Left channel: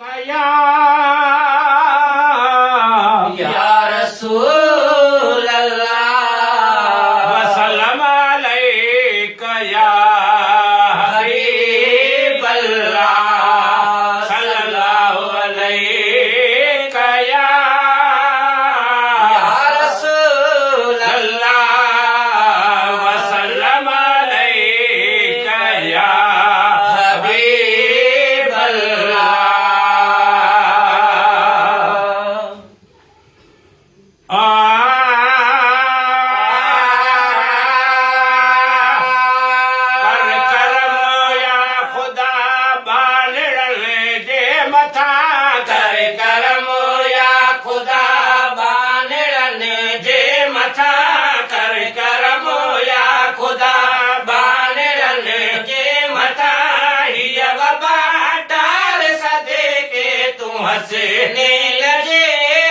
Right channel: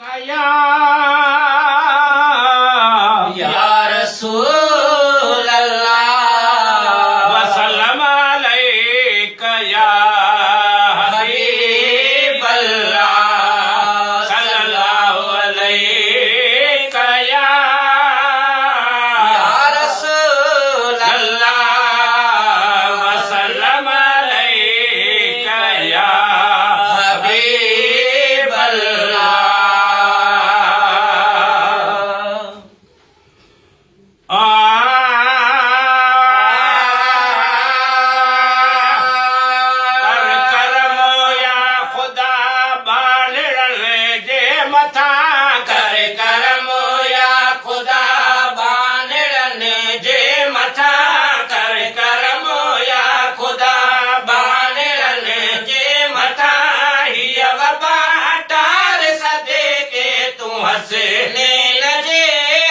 कया या रसूल अल्लाह वसल्लम अलैका या हबीब अल्लाह सल्लल्लाहु अलैका या रसूल अल्लाह वसल्लम अलैका या हबीब अल्लाह कर करम या खुदा बालड़ जे मथा कर करम या खुदा बानड़न जे मथा कर करम या खुदा बालड़ जे मथा हीअ वबा टार सदे के तूं हसे नील जे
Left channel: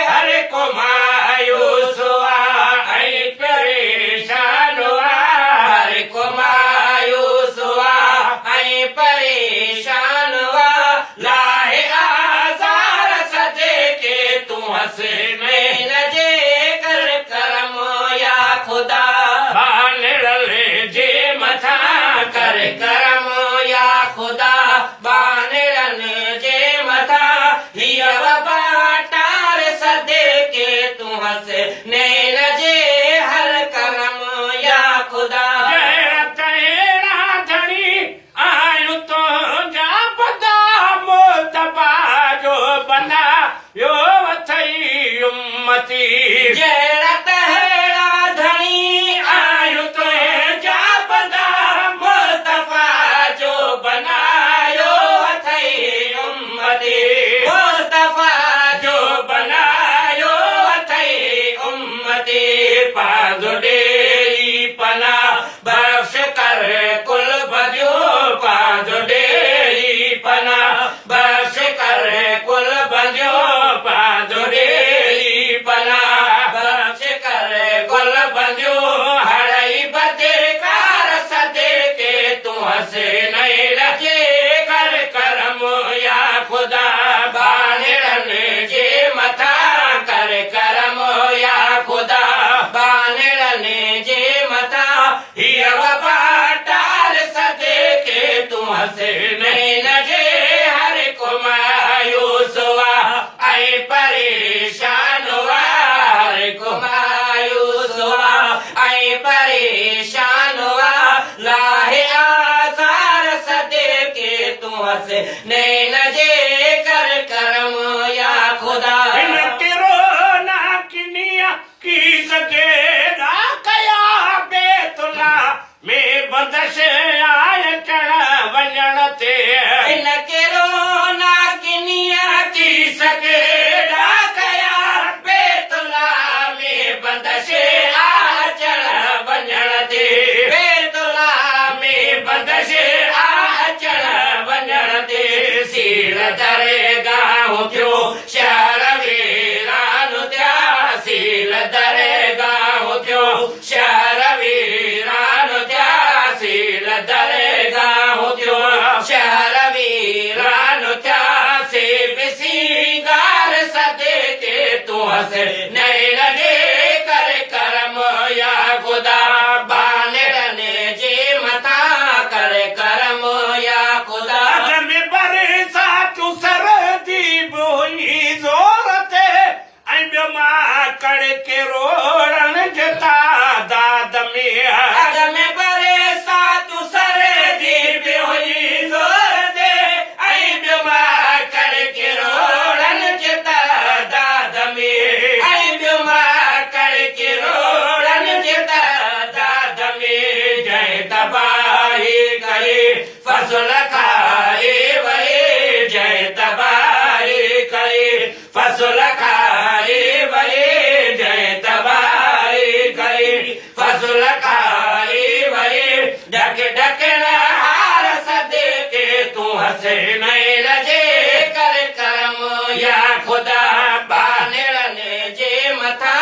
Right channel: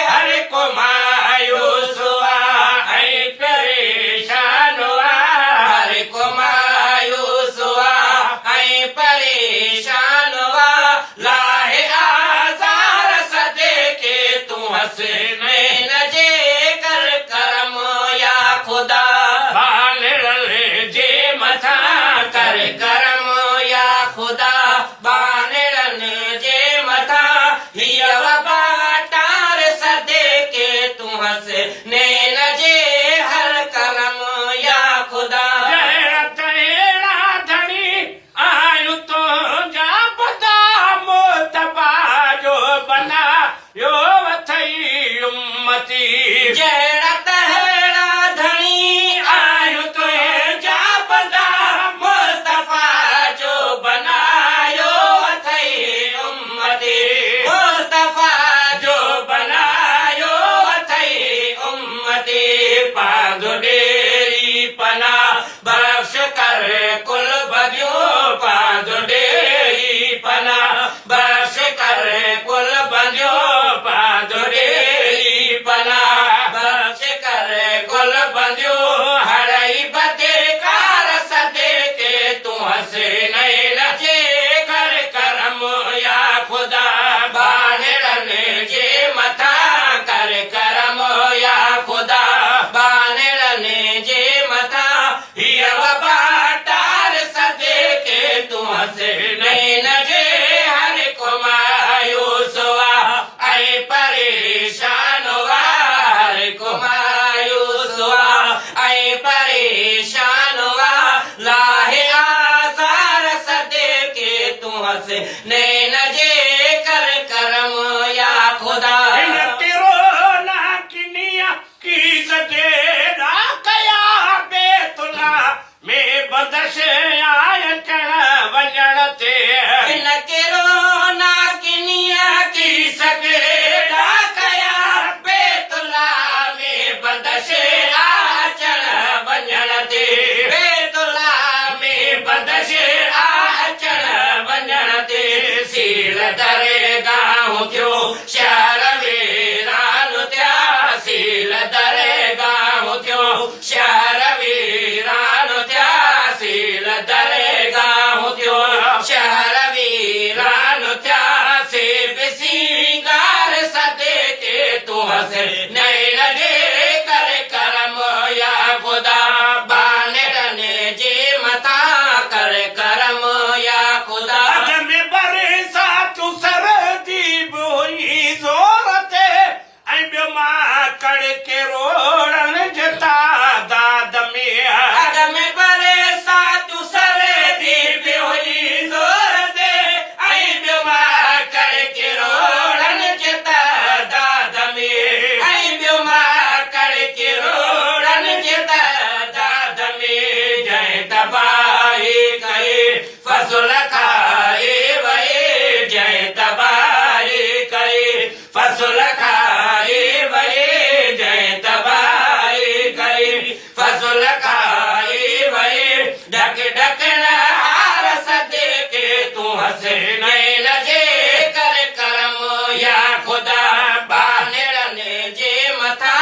हर को मायूस हुआ ऐं परेशान हुआ हर को मायूस हुआ ऐं परेशान हुआ लाहे आज़ार सदे के तूं हसे नील जे कर करम या खुदा बालड़ जे मथा कर करम या खुदा बानड़न जे मथा हीअ वबा टार सदे के तूं हस नैन जे हर करम या खुदा जहिड़ा तहिड़ा धणी आयूं तुंहिंजा बदा मोतबा जो बना यो वथई उम्मती जहिड़ा तहिड़ा धणी आयूं तुंहिंजा बदा मुस्तफा जो बनायो अथई उम्मती मुस्तफा जो बनायो अथई उम्मती पांदो डेरी पना बख्श कर कुल बदियो पांदो डेरी पना बख्श कर कुल बदियो पांदो डेरी पना बख्श कर कुल बदियो हड़ई बदकार सदे के तूं हसे नहीं लजे कर करम या खुदा बानड़न जे मथा कर करम या खुदा बानड़न जे मथा हीअ वबा टार सदे के तूं हसे नहीं लजे हर को मायूस हुआ ऐं परेशान हुआ हर को मायूस हुआ ऐं परेशान हुआ लाहे आज़ार सदे के तूं हस नैन जे कर करम या खुदा हिन किरो ना किनिया की सके ना कया बेतुला में बंदश आय चढ़ वञण ते हिन केरो ना किनिया की सके ना कया बेतुला में बंदश आय चढ़ वञण ते बेतुला में बंदश आय चढ़ वञण ते सील दरगाह थियो शहर वीरान थिया सील दरगाह थियो शहर वीरान थिया सील दरगाह थियो शहर वीरान वीरान थिया से बिसीगार सदे के तूं हसे नहीं लगे कर करम या खुदा बानड़न जे मथा कर करम या खुदा अग में बरसा तूं सरदी बि हुई ज़ोर ते ऐं ॿियो मां कड़ के रोड़ण जे तादाद में अग में बरसा तूं सरदी बि हुई ज़ोर ते ऐं ॿियो मां कड़ के रोड़ण जे तादाद में ऐं ॿियो मां कड़ के रोड़ण जे तादाद में जंहिं तबाही करे फसुल खाए वए जंहिं तबाही करे फसुल खाए वए जंहिं तबाही करे फसुल खाए वए ढक ढकण हार सदे के तूं हसे नहीं लजे कर करम या खुदा बानड़न जे मथा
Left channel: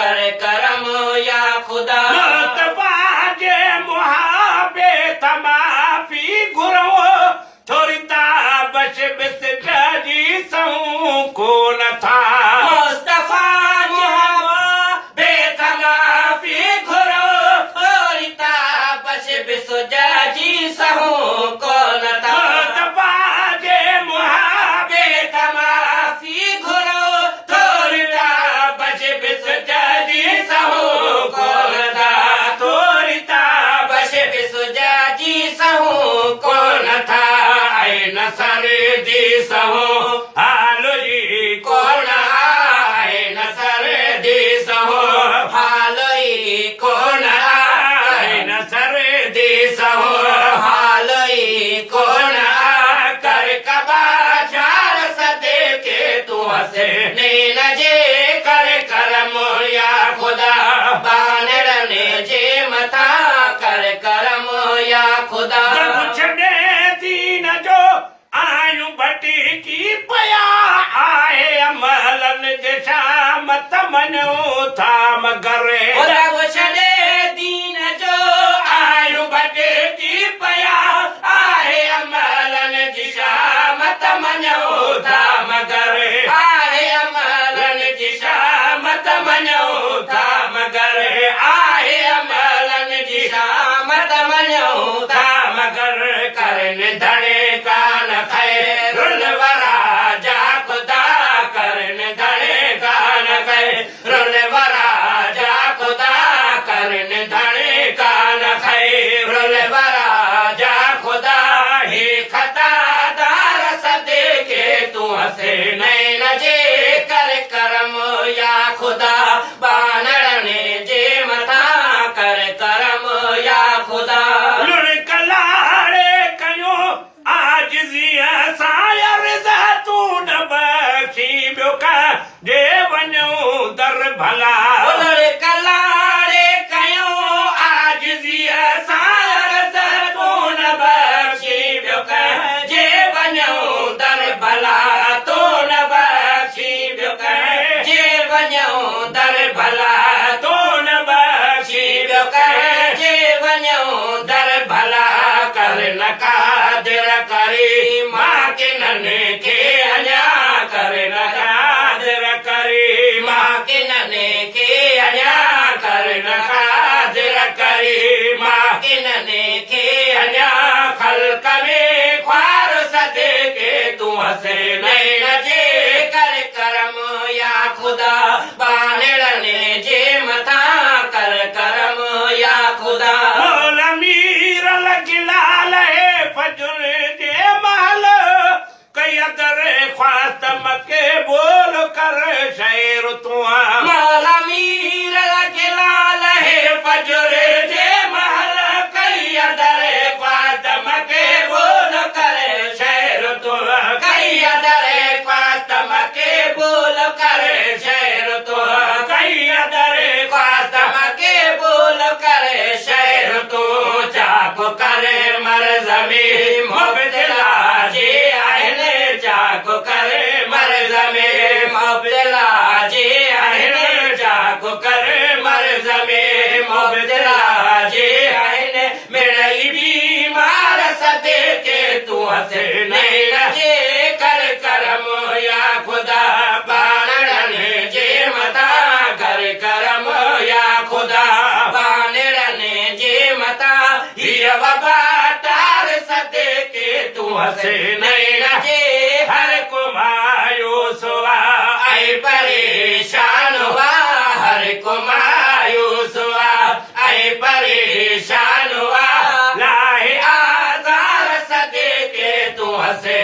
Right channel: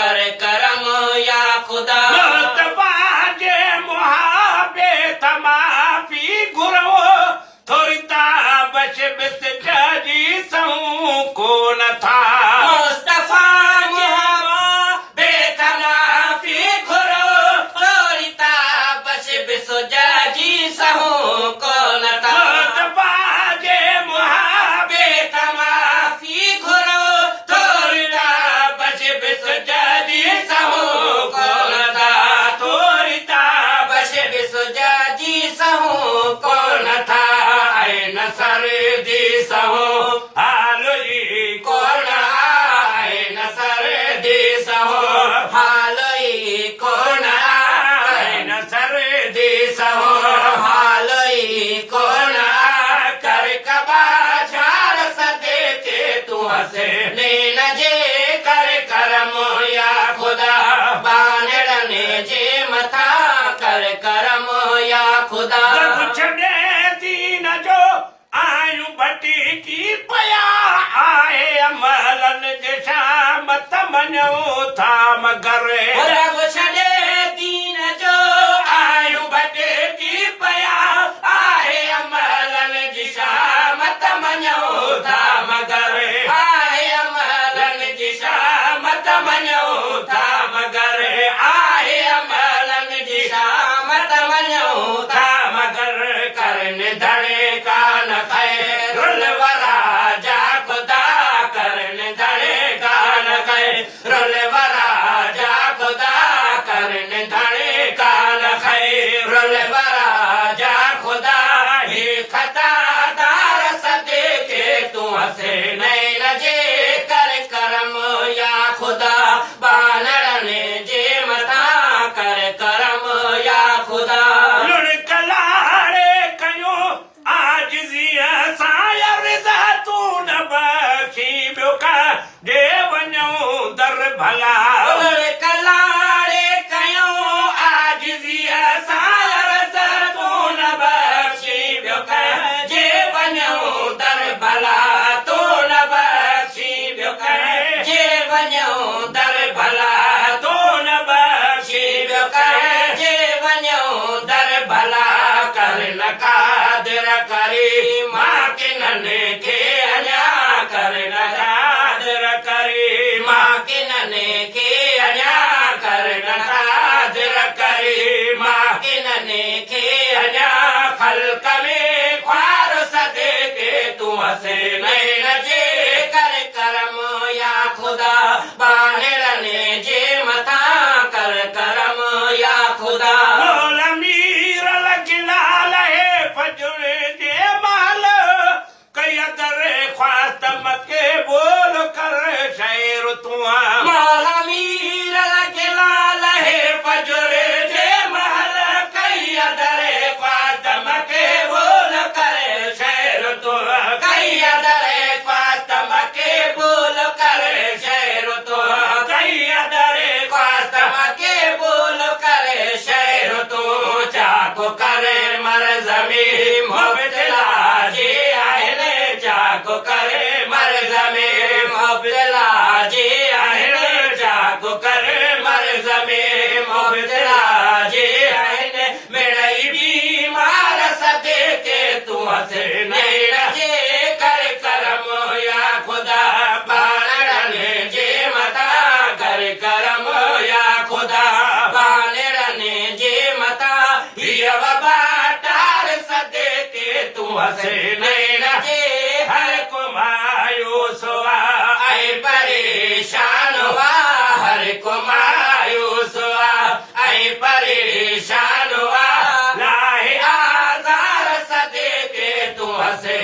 कर करम या खुदा मुस्तफा जे मुहाबे तमाफी घुरो थोरी ताबश बिस जी कोन था मुस्तफा मोहम्मद बेतनाफी घुरो तोरिता बस बिसुजा जी सहू कोन था बाजे मुहाबे बेतनाफी घुरो तोरिता बस बिस जदी सहू कोन था तोरिता बस बिसुजा जी सहू कोन था ऐ नसर दी सहू हालोई कोन आए नसर दी सहू हालोई कोन आए नसर दी सहू हालोई कोन आ कर कबा जार सदे के तू हसे नील जे कर करम या खुदा बानड़ने जे मथा कर करम या खुदा जब छड़े दीन जो आयु बटी की पया आए अमलन जे शाम तमनो था मगर रब छड़े दीन जो आयु बटे की पया आए अमलन जी शाम तमनो था मगर आए अमल लन जी शाम तमनो था मगर आए अमलन जी शाम तमन्यो था मगर करन धड़े कान खैर रुलवरा जा खुदा करन धड़े कान खैर रुलवरा जा खुदा करन धड़े कान खैर रुलवरा जा खुदा ही खता दार सदे के तू हसे नैन जे कर करम या खुदा बानड़ने जे मथा कर करम या खुदा लुड़कलाड़े कयो आज जिया सायर तू न बख्शी ॿियो का जे वञो दर भला कलाड़े कयो आज जिया सायर तू न बख्शी ॿियो का जे वञो दर भला तू न बख्शी ॿियो का जे वञो दर भला तू न बख्शी ॿियो का जे वञो दर भला कर न कादिर करी मां किनन खे अञा कर न कादिर करी मां किनने के अञा कर न कादिर करी मां किनने के अञा ख़ल्क़ में ख्वार सदे के तू हसे नैन जे कर करम या खुदा बानड़ने जे मथा कर करम या खुदा मोल मीर लगिलाल है फजुर जे माल कयदर ख्वातम के बोल कर शैर तुआ मौला मीर लगिलाल है फजुर जे माल कयदर ख्वातम के बोल कर शैर तुआ कैदर ख्वातम के बोल कर शैर तुआ कयदर ख्वातम के बोल कर शैर तू चाको करे मर जमी मुबतला जे आहने चाको करे मर जमी मुबतला जे आहने चाको करे मर जमी मुबतला जे आहने मेरी बीमार सदे के तू हसे नैन जे कर करम या खुदा बाणन जे मता कर करम या खुदा बानड़ने जे मथा हीर वबा तार सदे के तू हसे नैन जे हर को मायूस हुआ ऐ परेशान हुआ हर को मायूस हुआ ऐ परेशान हुआ लाहे आजार सदे के तू हसे